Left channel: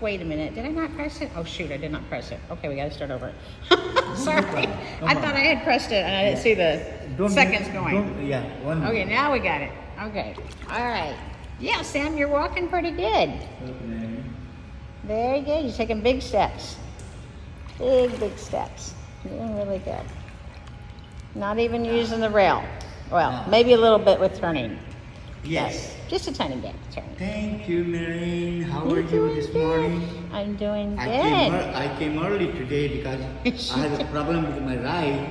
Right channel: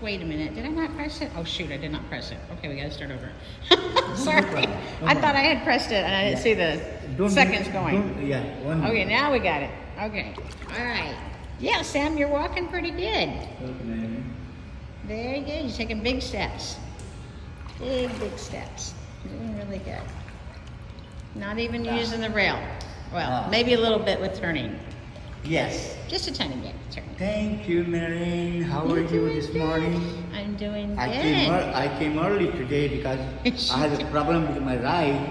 Wait a minute. Did I not press it? Oh, shoot. I did not press it. Okay, we got to start over. Sorry. I thought I had pressed it and I didn't see the seconds going. Yeah, one more. Okay, now we got it. Okay. All right. Yeah, Sam, you're walking pretty good. Okay. Very good. You're taking big steps. Big steps. You're doing really good. Not even using the rail. Well, maybe a little bit with turning. Yes. Just a tiny bit turning. Thank you, Mary. How are you this morning? I'm doing good. I came early today because I had a problem with my ride.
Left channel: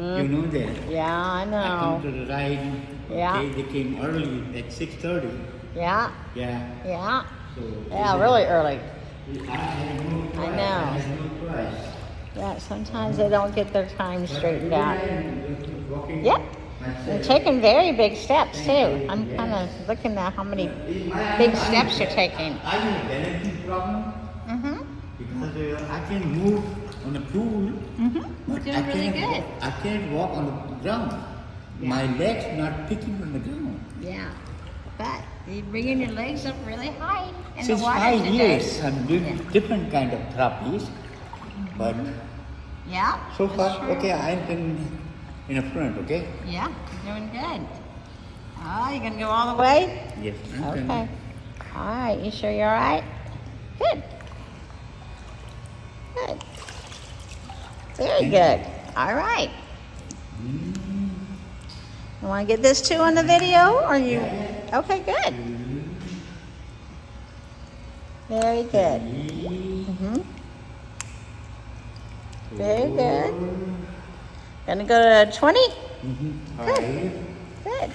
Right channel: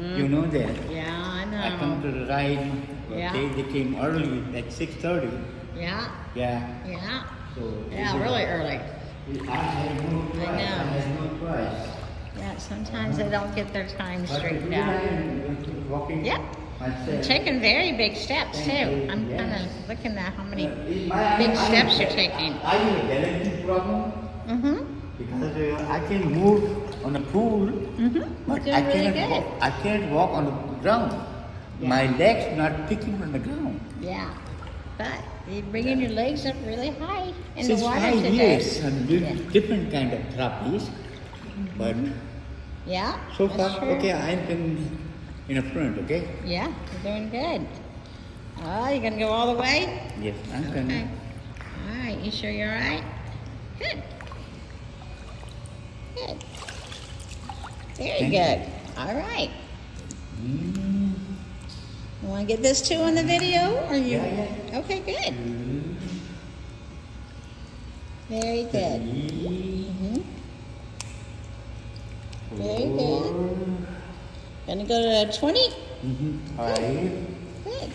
You know that. Yeah, I know. I come to the ride. Yeah. Okay, they came early at 6:30. Yeah. Yeah. Yeah. So Yeah, really early. I had no choice. I know. I had no choice. Yeah, sometimes they don't get their time straightened But out. I'm walking Yep. You're myself. taking very big steps too. I'm kind of looking at how many big steps you're taking. I have a balancing problem Mm-hmm. because I can move on the pool, but You're I doing really cannot. good. I can't walk on the ground. Yeah. My legs not picking from the ground. Yeah. But you're bringing your legs up really high in Since the water 5 today. years, I'm doing different kind of therapies, but Yeah. so far, okay, I'm in the front, okay? Yeah, you're doing good. Oh, you gonna go all the way? Yes, I'm Okay. All right. You sure you're all right? Good. Good. Very good. All right. You want to get this too on the video? Or you? Yeah. Okay, good. Very good. Very good. Gonna go to 20? All right. Good.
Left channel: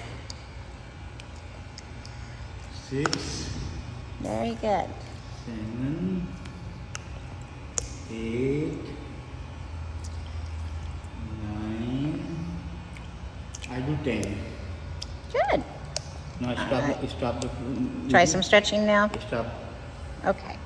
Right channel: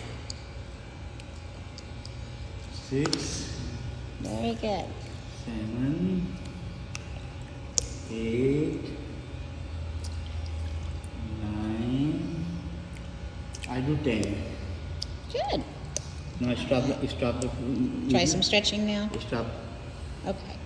6, Very good. 7, 8, 9. I do 10. Good. No, stop. Stop. Try some stretching now. Stop. Okay.